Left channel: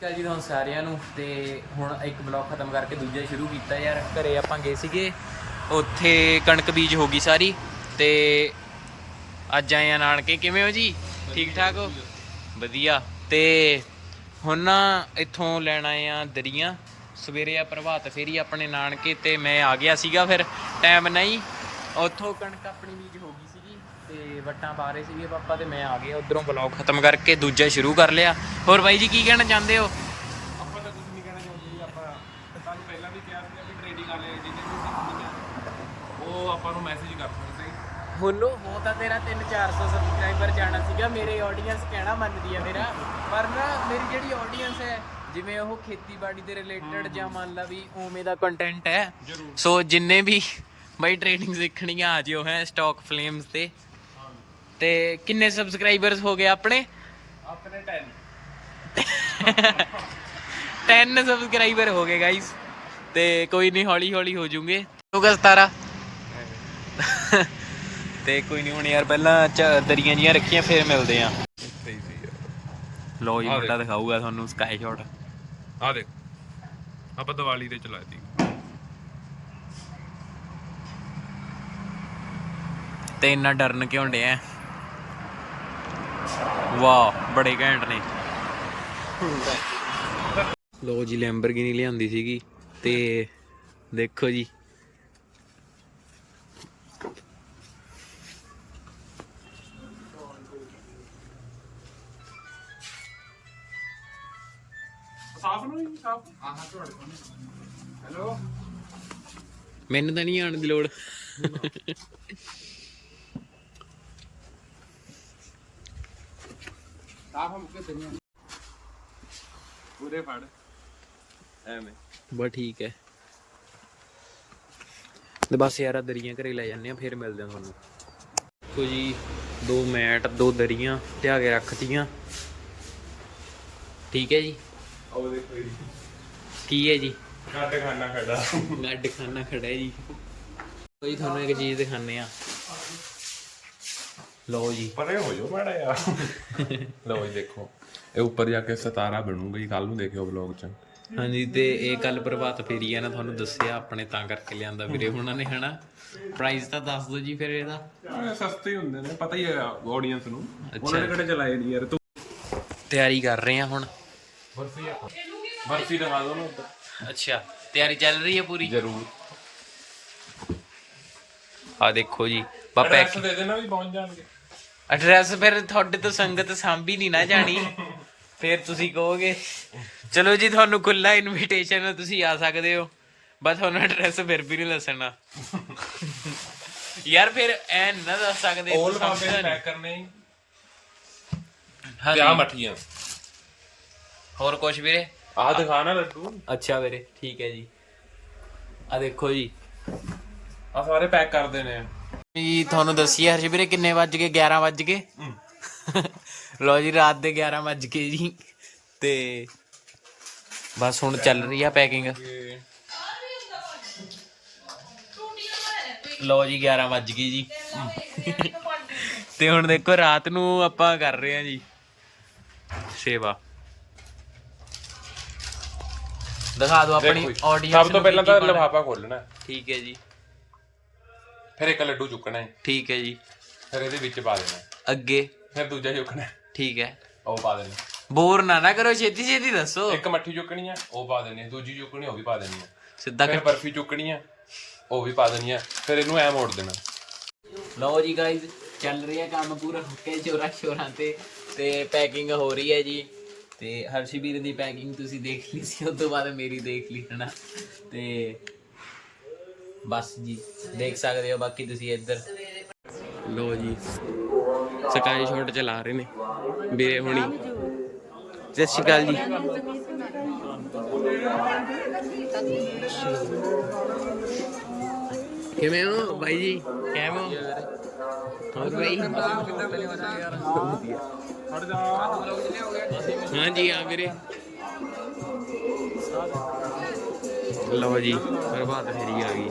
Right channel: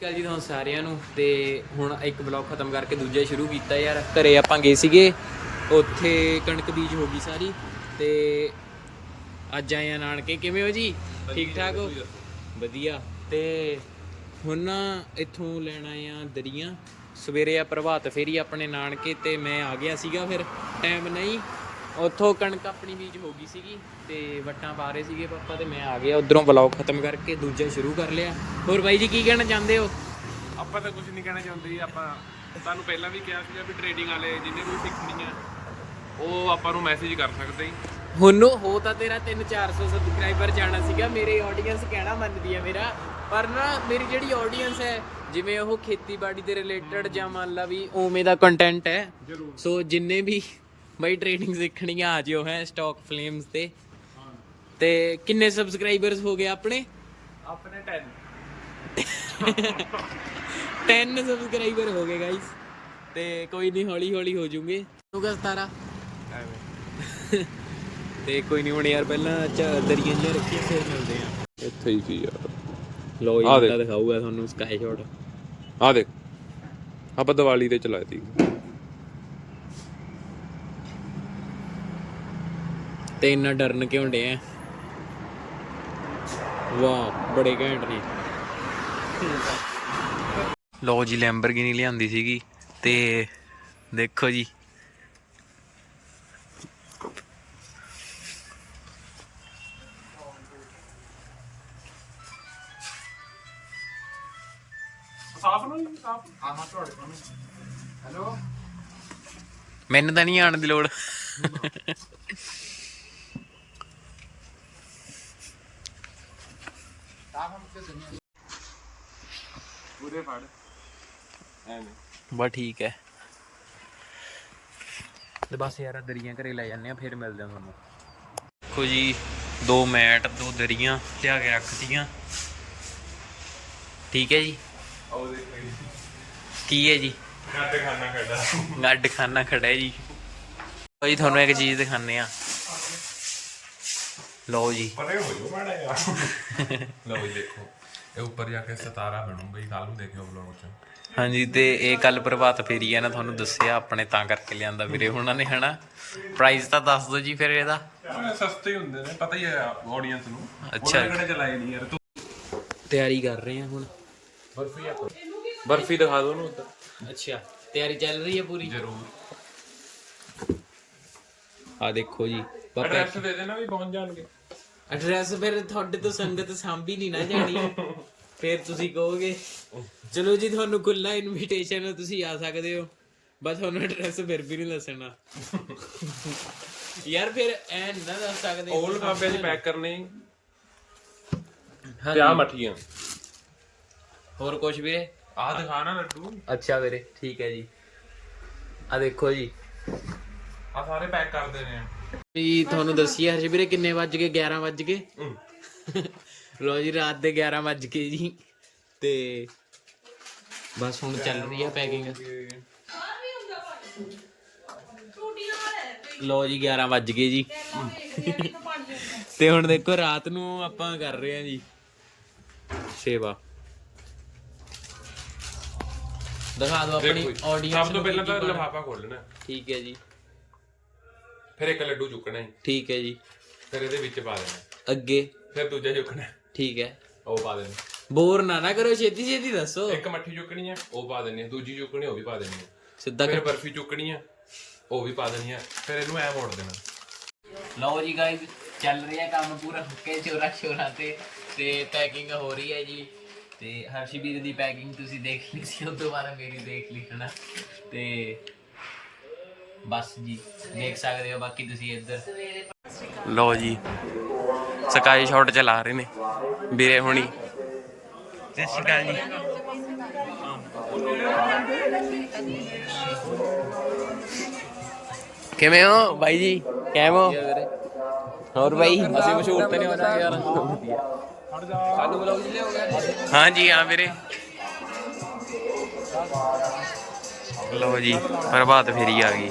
ਕੱਲ ਜੀ ਤੁਹਾਨੂੰ ਸਾਰਿਆਂ ਨੂੰ ਤੇ ਹੁਣ ਇੱਕ ਬਲੌਗ ਖਤਮ ਕਰਕੇ ਦੂਜਾ ਸ਼ੁਰੂ ਕੀਤਾ ਯਾਰ। ਘਰੇ ਆਪਾਂ ਗਏ ਸੀਗੇ ਉੱਥੇ ਕਣਕ ਬੀਜ ਹੋ ਗਈ ਸਾਰੀ ਤੇ ਅੱਜ ਆਏ ਆ ਨਾਨਕੇ। ਕਿਵੇਂ ਹੋ ਜੀ? ਠੀਕ ਠਾਕ ਹੋ? ਵਧੀਆ। ਤੇ ਹੁਣ ਨਾ ਇੱਥੋਂ ਲੈਣ ਆਏ ਆ ਦਰੀਆਂ। ਸਵੇਰੇ ਆ ਪ੍ਰਭਾਤ ਫੇਰੀ ਆਪਣੇ ਨਾਨਕੇ ਤੇ ਮੈਂ ਆ ਗਿਆ ਸੀਗਾ ਫਿਰ। ਟਾਈਮ ਨਹੀਂ। ਉੱਥੋਂ ਕਣਕ ਆਪਣੀ ਬੀਜ ਹੋ ਗਈ ਸੀਗੀ ਤੇ ਵੱਟਾਂ ਪਾ ਰਹੇ ਸੀਗੇ ਪਾਪਾ ਤੇ ਮੈਂ ਆ ਗਿਆ ਉਧਰੋਂ ਵਲੌਗ ਖਤਮ ਕਰਕੇ ਦੂਜਾ ਸ਼ੁਰੂ ਕਰ ਲਿਆ। ਹੋਰ ਬਾਈ ਜੀ ਕੀ ਕਹਿਣਾ ਚਾਹੁੰਦੇ ਹੋ? ਆਪਾਂ ਤਾਂ ਕੁਝ ਨਹੀਂ ਕਹਿਣਾ ਚਾਹੁੰਦੇ ਜੀ ਆਪਾਂ ਤੁਹਾਨੂੰ ਪਹਿਲਾਂ ਵੀ ਕਿਹਾ ਸੀਗਾ ਵੀ ਟ੍ਰੇਡਿੰਗ ਵਾਲੇ ਜਿਹਨੇ ਵੀ ਸਿੱਖਣੀ ਆ ਉਹ ਆਪਾਂ ਨੂੰ ਮੈਸੇਜ ਕਰ ਸਕਦੇ ਜੀ। ਹੁਣ ਹੋ ਤਾਂ ਤੇਰਾ 3-400 ਸਬਸਕ੍ਰਾਈਬਰ ਜਾਣਾ ਸੀਗਾ ਮੇਰੇ ਆਡੀਅנס ਕਹਿਣਾ ਮੰਨਦੀ ਆ ਮੇਰਾ ਪਰ ਨਾ ਮੇਰੀ ਜਿਹੜੀ ਆਡੀਅנס ਹੈ ਜਿਵੇਂ ਉਹ ਖੇਤੀਬਾੜੀ ਦੇ ਰਿਲੇਟਡ ਜਾਂ ਮੰਨ ਲਾ ਵੀ ਉਵੇਂ ਦਾ ਕੰਟੈਂਟ ਹੈ ਸੋ ਜਿੰਨੇ ਵੀ ਬਈ ਟ੍ਰੇਡਿੰਗ ਸਿੱਖਣੀ ਆ ਜਿਓ ਹੈ ਸਟਾਕ ਫਲੇਮਸ ਤੇ। ਤੇ ਕਿੰਨੇ ਸਬਸਕ੍ਰਾਈਬਰਸ ਹੋ ਗਏ ਆਪਣੇ? ਆਪਣੇ 10 10 ਸਬਸਕ੍ਰਾਈਬਰ ਹੋ ਗਏ ਗਾਇਸ ਤੇ ਕੋਈ ਨਹੀਂ ਹੌਲੀ ਹੌਲੀ ਹੋ ਜੂਗੇ। ਹੋਗਾ 17 ਐਵੇਂ ਤੇ ਕੋਈ ਨਹੀਂ ਹੁਣ ਯਾਰ ਪਹਿਲਾਂ ਦਰੀਆਂ ਜੀਆਂ ਰੱਖੀਆਂ ਫਿਰ ਮਿਲਦੇ ਆ। ਇੱਥੇ ਹੀ ਸੀ ਯਾਰ ਲੋ ਆ ਮੁੰਡਾ ਦੇਖ। ਦਿਖਾਊਗਾ ਤੁਹਾਨੂੰ ਸਕਾਈ ਸ਼ਾਟ ਆ ਦੇਖ। ਆਪਾਂ ਦੀਵਾਲੀ ਤੇ ਚਲਾਤੀ ਤੇ ਇੰਨਾ ਡਰਨ ਕਿਉਂ ਡਿਆ? ਵਾਹ ਬੜੇ ਘੈਂਟ ਨੇ। ਲੋ ਜੀ ਲੈਂਬਰਗਿਨੀ ਲਿਆਂਦੀ ਸੀਗੀ ਤੇ ਦੇਖੋ ਜੀ। ਸਾਫ਼ ਨੂੰ ਸਾਫ਼। ਹਾਂ ਹਾਂ ਤੁਹਾਡੇ ਹੈਲੋ? ਮੈਨੂੰ ਤਾਂ ਨਹੀਂ ਆਉਣ ਦੀ ਲੋੜ। ਪੂਰੇ ਫੜ। ਐਵੇਂ। ਬਸ ਠੀਕ ਹੈ। ਤੇ ਬਸ ਯਾਰ ਦਰੀਆਂ ਘਰੇ ਲੈ ਜਾਂਦੇ ਆ ਫਿਰ ਮਿਲਦੇ ਆ ਤੁਹਾਨੂੰ। ਦੇਖੋ ਜੀ ਦੋ ਮੈਟ ਦੋ ਦਰੀਆਂ ਲਿਆ ਕੇ ਰੱਖਤੀਆਂ। ਠੀਕ ਹੈ ਜੀ? ਉਹ ਦੇਖੋ ਜੀ। ਕੀ ਹੈ ਜੀ? ਘੱਟ ਖਾਣਾ ਖੜਾ। ਗੱਡ ਖਾਨਾ ਖੜਾ ਹੈ ਜੀ। ਭਾਈ ਤੁਹਾਨੂੰ ਇੱਕ ਚੀਜ਼ ਦਿਖਾਣੇ ਆ। ਲਓ ਜੀ। ਪਰੇ ਹੋ ਜਾਓ ਮਾੜਾ ਯਾਰ ਲਓ ਜੀ ਦੇਖੋ। ਇਹ ਉੱਪਰ ਜਾ ਕੇ ਸਤਾਰਾ ਬਣੂਗਾ ਜੀ ਕੱਲ ਨੂੰ ਦੇਖਿਓ ਵਲੌਗ ਚ। ਹਾਂਜੀ ਤੇ ਇਹ ਕੱਲ ਪ੍ਰਭਾਤ ਫੇਰੀ ਹੈ ਨਾ ਤੁਹਾਨੂੰ ਦੱਸਿਆ ਆਪਣੇ ਤਾਂ ਕਰਕੇ ਲਿਆਂਦਾ ਵੀਰੇ ਉਹਨਾਂ ਨੇ ਹਨਾ? ਪ੍ਰਾਈਸ ਤਾਂ ਦੱਸ ਦਿਓ ਜੀ ਫਿਰ ਇਹਦਾ। ਇਹ ਸਸਤੇ ਹੀ ਹੁੰਦੇ ਨੇ ਪਤਾ ਹੀ ਹੈ ਆਡੀਅנס ਨੂੰ। ਅੱਛਾ। ਨੇ ਚਲਾਏ ਨਹੀਂ ਯਾਰ ਤੂੰ ਤਿਆਰੀ ਕਰ ਰਹੇ ਆ ਹੁਣ। ਬਰਫੀ ਆ ਬਰਫੀ ਦਿਖਾ ਦੋ ਨਾ ਉੱਧਰ। ਅੱਛਾ ਤਿਆਰੀ ਚੱਲ ਰਹੀ ਹੈ ਪੂਰੀ? ਜ਼ਰੂਰ। ਆ ਦੇਖੋ ਜੀ ਬਾ ਪੈਕ ਦੇ ਦੇਣਾ ਵੀ ਪਹੁੰਚ ਜਾਣਗੇ। ਐਡਰੈਸ ਫਿਰ ਤੁਹਾਡੇ ਤੋਂ ਸੰਗਤ ਸਾਂਭੀ ਨਹੀਂ ਨਾ ਜਾਣੀ। ਫਿਰ ਤੁਸੀਂ ਕਹੋਗੇ ਚਲੋ ਜੀ ਤੁਹਾਨੂੰ ਖੁੱਲਾ ਇਨਵੀਟੇਸ਼ਨ ਹੈ ਤੁਸੀਂ ਆ ਸਕਦੇ ਹੋ। ਬਸ ਤੁਹਾਨੂੰ ਐਡਰੈਸ ਫਿਰ ਵੀ ਨਹੀਂ ਦੱਸਣਾ। ਯਾਰ ਫਿਰ ਐ ਨੀ ਦੱਸ ਸਕਦੇ ਓਲ ਬਾਬੇ ਸਮਝਦਾ ਪੈਕ ਕਰਨੇ। ਤੇ ਆ ਮੱਠੀਆਂ। ਹੋਰ ਕੁਝ ਵੀਰੇ? ਆ ਦਿਖਾਣਾ ਲੱਡੂ। ਅੱਛਾ ਵੀਰੇ ਠੀਕ ਹੈ ਜੀ। ਆ ਦੇਖੋ ਜੀ। ਆ ਸਾਰੇ ਪੈਕ ਕਰਦੇ ਨੇ। ਜੀ ਤੁਹਾਨੂੰ ਦੱਸੀਏ ਹਰਸ਼ ਵੀਰੇ ਕਿੰਨੇ ਵੱਜ ਗਏ? 11 ਵੱਜ ਗਏ। ਲੋ ਜੀ ਰਾਤ ਦੇ 11 ਵੱਜ ਗਏ ਜੀ। ਤੇ ਬਸ ਹੁਣ ਚੱਲ ਰਹੀ ਆ ਪੈਕਿੰਗ। ਲੋ ਜੀ 11 ਵੱਜ ਗਏ ਜੀ। ਤੇ ਹੁਣ ਦੇਖੋ ਰਾਤ ਨੂੰ ਆਪਾਂ ਕਰ ਰਹੇ ਆ ਜੀ। ਸੇਵਾ। ਦਿਖਾ ਦਿਓ ਆਪਣੀ ਆਡੀਅנס ਸਭ ਤੋਂ ਪਹਿਲਾਂ ਤਾਂ ਲਿਫਾਫਾ ਖੋਲਣਾ ਠੀਕ ਹੈ ਜੀ। ਫਿਰ ਇੱਕ ਲੱਡੂ ਚੁੱਕਣਾ ਹੈ। ਠੀਕ ਹੈ ਜੀ। ਫਿਰ ਇਹਦੇ ਵਿੱਚ ਪਾ ਦੇਣਾ। ਅੱਗੇ। ਫਿਰ ਦੂਜਾ ਚੁੱਕਣਾ। ਹੈ, ਠੀਕ ਹੈ। ਉਹ ਪਾ ਦੇਣਾ। ਬੋਰ ਨਾ ਨਾ ਕਰੋ ਛੇਤੀ ਛੇਤੀ ਦੱਸੋ। ਇੱਕ ਮੱਠੀ ਚੁੱਕਣੀ ਹੈ ਉਹ ਪਾ ਦੇਣੀ ਹੈ ਦੂਜੀ ਚੁੱਕਣੀ ਉਹ ਵੀ ਪਾ ਦੇਣੀ ਹੈ ਸਿੱਧਾ ਫਿਰ ਬਰਫੀ ਚੁੱਕਣੀ ਹੈ ਉਹ ਵੀ ਪਾ ਦੇਣੀ ਹੈ ਫਿਰ ਇਹਨੂੰ ਐ ਮੋੜ ਦੇਣਾ। ਲਓ ਜੀ ਗਾਇਜ਼ ਚੱਲ ਰਿਹਾ ਕੰਮ ਪੂਰਾ ਹੁੱਕੇ ਚੋਰਾ ਚੋਰਾਂ ਤੇ ਤੇ ਪੈਕਿੰਗ ਹੋ ਰਹੀ ਹੈ ਜੀ। ਤੇ ਹਰਸ਼ਵੀਰ ਦੀ ਪੈਕਿੰਗ ਤੁਸੀਂ ਦੇਖ ਲਈ ਸੀ ਉਸ ਤੋਂ ਬਾਅਦ ਮੇਰੀ ਦੇਖ ਲਈ ਹਨਾ। ਤੇ ਬਸ ਜੀ ਦੇਖ ਸਕਦੇ ਹੋ ਬਾਕੀ ਤੁਸੀਂ ਇੱਧਰ। ਲਓ ਜੀ ਸਕਾਈ ਸ਼ਾਟ ਚਲਾ ਰਹੇ ਨੇ ਵੀਰੇ ਹੁਣੀ। ਸਤਿ ਸ਼੍ਰੀ ਅਕਾਲ ਜੀ। ਕਿਵੇਂ ਹੋ ਬਾਈ ਜੀ? ਕਿਵੇਂ ਹੋ? ਹੋਰ ਬਾਈ? ਅਸੀਂ ਮਸ਼ਹੂਰ ਤੇ ਨਹੀਂ ਹੋਣਾ ਯਾਰ। ਵਧੀਆ। ਹਟ ਜਾ ਹਾਂਜੀ ਹਾਂ ਵੀਰੇ। ਲਓ ਜੀ ਪ੍ਰਭਾਤ ਫੇਰੀ ਆ ਗਈ।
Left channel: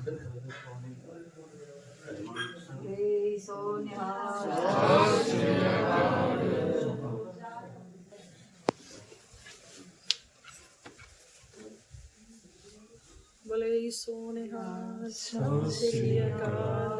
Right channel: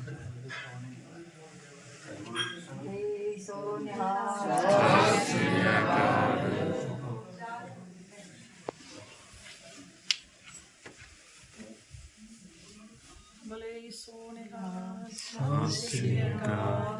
ਸਤਿ ਸ਼੍ਰੀ ਅਕਾਲ ਸਤਿ ਸ਼੍ਰੀ ਅਕਾਲ।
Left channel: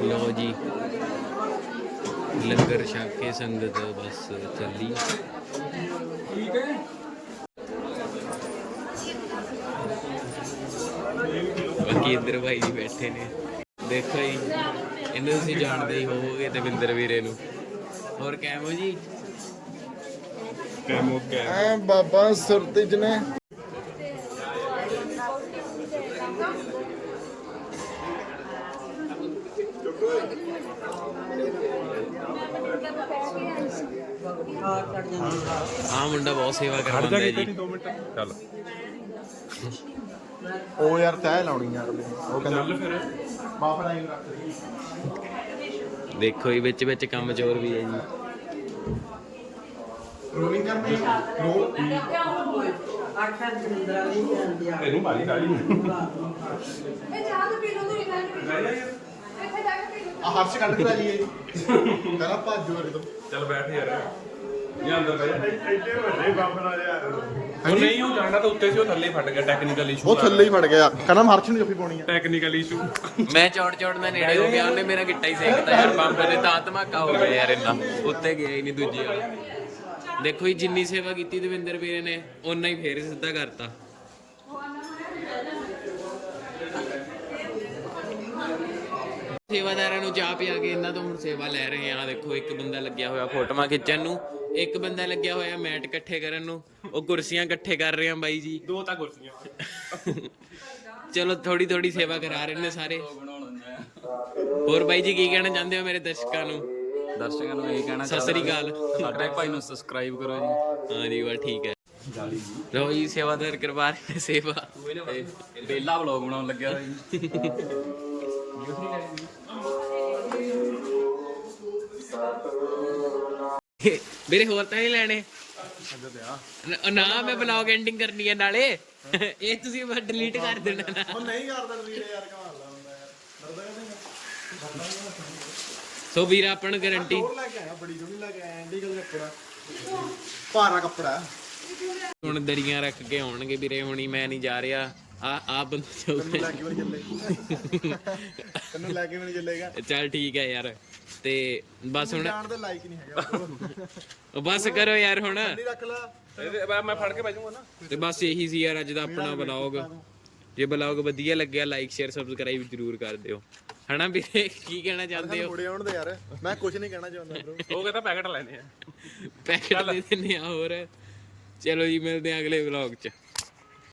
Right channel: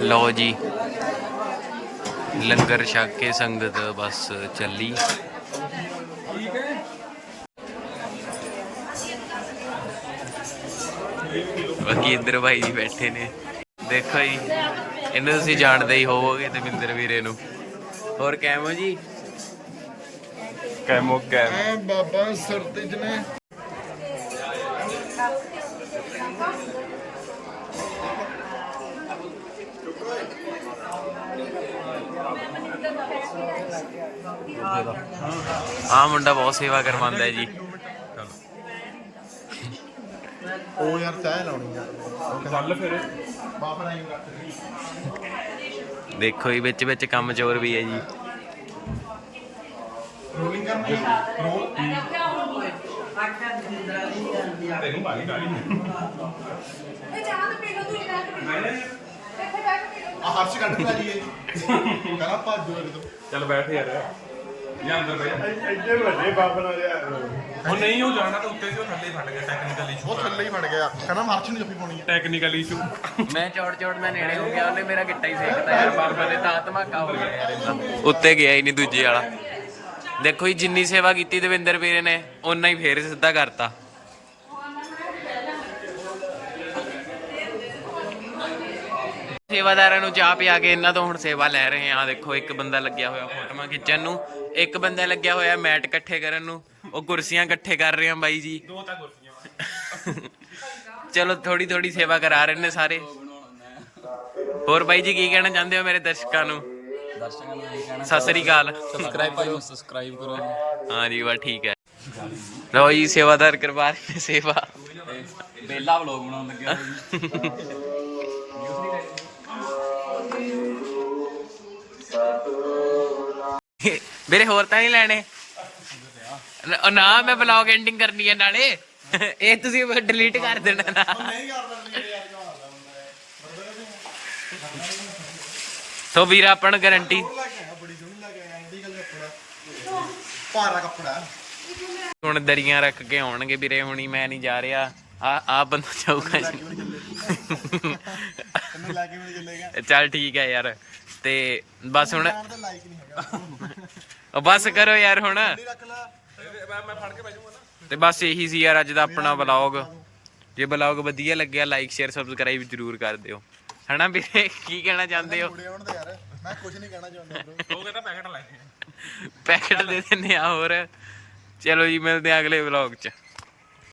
ਲਓ ਜੀ। ਲੰਗਰ ਛਕ ਕੇ ਸੰਗਤ ਬਸ ਚੱਲੀ। ਬਾਕੀ ਇੰਦਰ ਭਾਈ ਜੀ ਬੈਠੇ ਨੇ। ਦੇਖੋ ਜੀ, ਇਹਨੂੰ ਤੁਸੀਂ ਜਾਣਦੇ ਹੀ ਹੋਵੋਗੇ ਤੇ ਦਵਿੰਦਰ ਵੀਰੇ ਨੂੰ। ਹੋਰ ਕੈਮੋ ਜੀ? ਕੈਮੋ ਕੈਮ ਐ ਬਾਬਾ ਸਰਤਿਜ ਨੇ ਆਹ ਮੁੰਡਾ ਬਹੁਤ ਸੇਵਾ ਕਰਵਾਉਂਦਾ ਹੈ ਜੀ ਉਹ ਯਾਰ ਤੈਅ ਲਾਉਣੀ ਯਾਰ ਉਹ ਚੱਲ ਫਿਰ। ਬਾਬਾ ਨਹੀਂ ਰੱਖ ਦੇਖੋ ਜੀ ਵਿੱਚ ਵਿੱਚ ਕੰਮ ਚੋਰ ਵੀ ਹੈ ਜੀ। ਰੋਲਿੰਗ ਕਰਨੀ ਰੋਲ ਆ ਹਰਸ਼ ਕੱਢ ਕੇ ਜੀ। ਕਹਿੰਦਾ ਭੱਜੋ ਇਹ ਤੋਂ ਚੱਲ ਬੈਠ ਯਾਰ। ਜਾਂ ਅੰਦਰ ਬਹਿ ਜਾ। ਐਡੇ ਵੱਡੇ ਬਾਬਾ ਨਾਲ ਯਾਰ ਉਹ ਨਹੀਂ ਉਹ ਜਾਣਦਾ ਤਾਂ ਉੱਤੇ ਸੀ ਉਹ ਥੱਲੇ ਫਟ ਗਿਆ ਟੈਕਨੀਕਲ ਇਸ਼ੂ ਉਹ ਥੱਲੇ ਹੀ ਵੜ ਗਿਆ। ਕਹਿੰਦਾ ਹਰਸ਼ ਨੂੰ ਜੱਫੀ ਪਾਉਣੀ ਆ ਟੈਕਨੀਕਲ ਇਸ਼ੂ ਮੈਂ ਚੌੜ ਚੌੜ ਦਾ ਨੇੜੇ ਹੋ ਗਿਆ ਉਹਨੇ ਮੇਰਾ ਗਿੱਟਾ ਹੀ ਸੇਕਤਾ ਯਾਰ ਬੰਬ ਨੇ ਤਾਂ ਧਮਾਕਾ ਹੋ ਗਿਆ ਯਾਰ ਇੰਨਾ ਉੱਤੇ ਗਿਆ ਹੀ ਨਹੀਂ ਦੂਜੇ ਵਾਲਾ। ਦੇਖੋ ਜੀ ਜਿੰਨੀ ਸੇਵਾ ਕੀਤੀ ਦਵਿੰਦਰ ਵੀਰੇ ਨੇ ਓਨਾ ਹੀ ਫੇਰ ਸਿੱਧਾ ਕਰਤਾ। ਸੇਵਾਦਾਰਾਂ ਨੂੰ ਚਾਹ ਪਿਆ ਕੇ ਇਹਨਾਂ ਤੋਂ ਹੁਣ ਸੇਵਾ ਲੈ ਰਹੇ ਆ ਦੇਖੋ ਇੱਕ ਬੰਦਾ ਲੱਗਿਆ ਹੋਇਆ ਫੋਟੋਆਂ ਖਿੱਚਣ ਨੂੰ। ਇੱਕ ਬੰਦਾ ਲੱਗਿਆ ਹੋਇਆ ਮੈਟ ਇਕੱਠੇ ਕਰਨ ਨੂੰ। ਉਹ ਕੁਰਸੀਆਂ ਇਕੱਠੇ ਕਰ ਰਹੇ ਆ ਬਾਈ ਜੀ। ਦੋ ਤਾਂ ਕੁਰਸੀਆਂ। ਚਲੋ ਥੋੜੀ ਥੋੜੀ ਸੇਵਾ ਕਰਾ ਰਹੇ ਨੇ ਸਾਰੇ। ਹੋਰ ਬਾਈ ਜੀ ਕੀ ਕਹਿਣਾ ਚਾਹੁੰਦੇ ਹੋ ਮੇਰੇ ਦਰਸ਼ਕਾਂ ਨੂੰ? ਦਰਸ਼ਕਾਂ ਨੂੰ ਇਹ ਕਹਿਣਾ ਸਤਿ ਸ੍ਰੀ ਅਕਾਲ। ਸਾਡੇ ਭਾਈ ਨੂੰ ਸਬਸਕ੍ਰਾਈਬ ਕਰੋ ਜੀ। ਹਾਂ ਜੀ ਵਾ ਠੀਕ ਹੈ। ਲਓ ਜੀ ਸੇਵਾਦਾਰ ਕਰਵਾ ਰਹੇ ਨੇ ਸੇਵਾ। ਬੇਲਾ ਵਲੌਗ ਬਣਾਉਣ ਲੱਗਿਆ ਜੀ। ਵੀਰੇ ਹੋਰ ਤਾਂ ਨਹੀਂ ਲੈਣੇ? ਨ- ਮੈਂ ਵਲੌਗ ਐਂਡਿੰਗ ਕਰਨੀ ਹੈ ਨਾਲੇ। ਇਹ ਤੁਸੀਂ ਡਿਲੀਟ ਕਰ ਦੇਣਾ ਨਾ। ਨਹੀਂ ਕਰਦਾ ਨਹੀਂ ਯਾਰ ਕਮਾਲਦਾ ਹੁੰਦਾ ਯਾਰ ਡਰਦਾ ਨਹੀਂ ਸੋ ਵੀਰ ਆਪਾਂ ਨੂੰ ਗਾਰੰਟੀ ਹੋਰ ਲੈ ਕੇ ਆਇਆ ਬੜੀ ਸੋਹਣੀ ਲੈ ਕੇ ਆਇਆ ਇੰਡੀਕਲ ਕੱਪੜਾ। ਭਾਰਾ ਕੱਪੜਾ ਹੁਣ ਦਰੀਆਂ ਰੱਖ ਕੇ ਆਉਣਗੇ ਵੀਰੇ ਹੁਣੀ ਮੈਂ ਨਹੀਂ ਜਾ ਰਿਹਾ। ਆ ਆ ਬੰਦਾ ਜਾਊਗਾ। ਤੈਨੂੰ ਲੈ ਕੇ ਵੀ ਨਹੀਂ ਚੱਲੇਗਾ। ਚੱਲ ਠੀਕ ਹੈ ਯਾਰ। ਤੇ ਬਸ ਹੁਣ ਜਾਣ ਦੇ ਲਾਇਕ ਨਹੀਂ ਹੈਗਾ। ਉਹ ਬਸ ਕਰੋ ਯਾਰ ਹੁਣ। ਨਹੀਂ ਰੱਖ ਲੈ। ਇਹ ਮੈਂ ਫੜ ਕੇ ਬਹਿ ਜਾਊਂਗਾ ਨਾ ਤੇ ਬਸ ਇਹੀ ਸੀ ਯਾਰ ਅੱਜ ਦਾ ਆਪਣਾ ਵਲੌਗ ਜੇ ਵਲੌਗ ਵਧੀਆ ਲੱਗਿਆ ਲਾਈਕ ਸ਼ੇਅਰ ਸਬਸਕ੍ਰਾਈਬ ਜਰੂਰ ਕਰ ਦਿਓ। ਹਨਾ ਵੀਰੇ ਕੀ ਕਹਿਣਾ ਚਾਹੁੰਦੇ ਹੋ? ਮੁੜੇ ਆਉਣ ਦੇ ਯਾਰ ਮੈਂ ਕੁਝ ਨਹੀਂ ਕਹਿਣਾ ਚਾਹੁੰਦਾ ਬ్రో ਉਹ ਕਹਿੰਦਾ ਪੈਕਟ ਲੈਣੇ ਆ। ਪੈਕੇਟ ਦੇ ਦਿੰਨੇ ਆ ਹੋਰ। ਚਲੋ ਜੀ ਮਿਲਦੇ ਆ ਅਗਲੇ ਵਲੌਗ 'ਚ।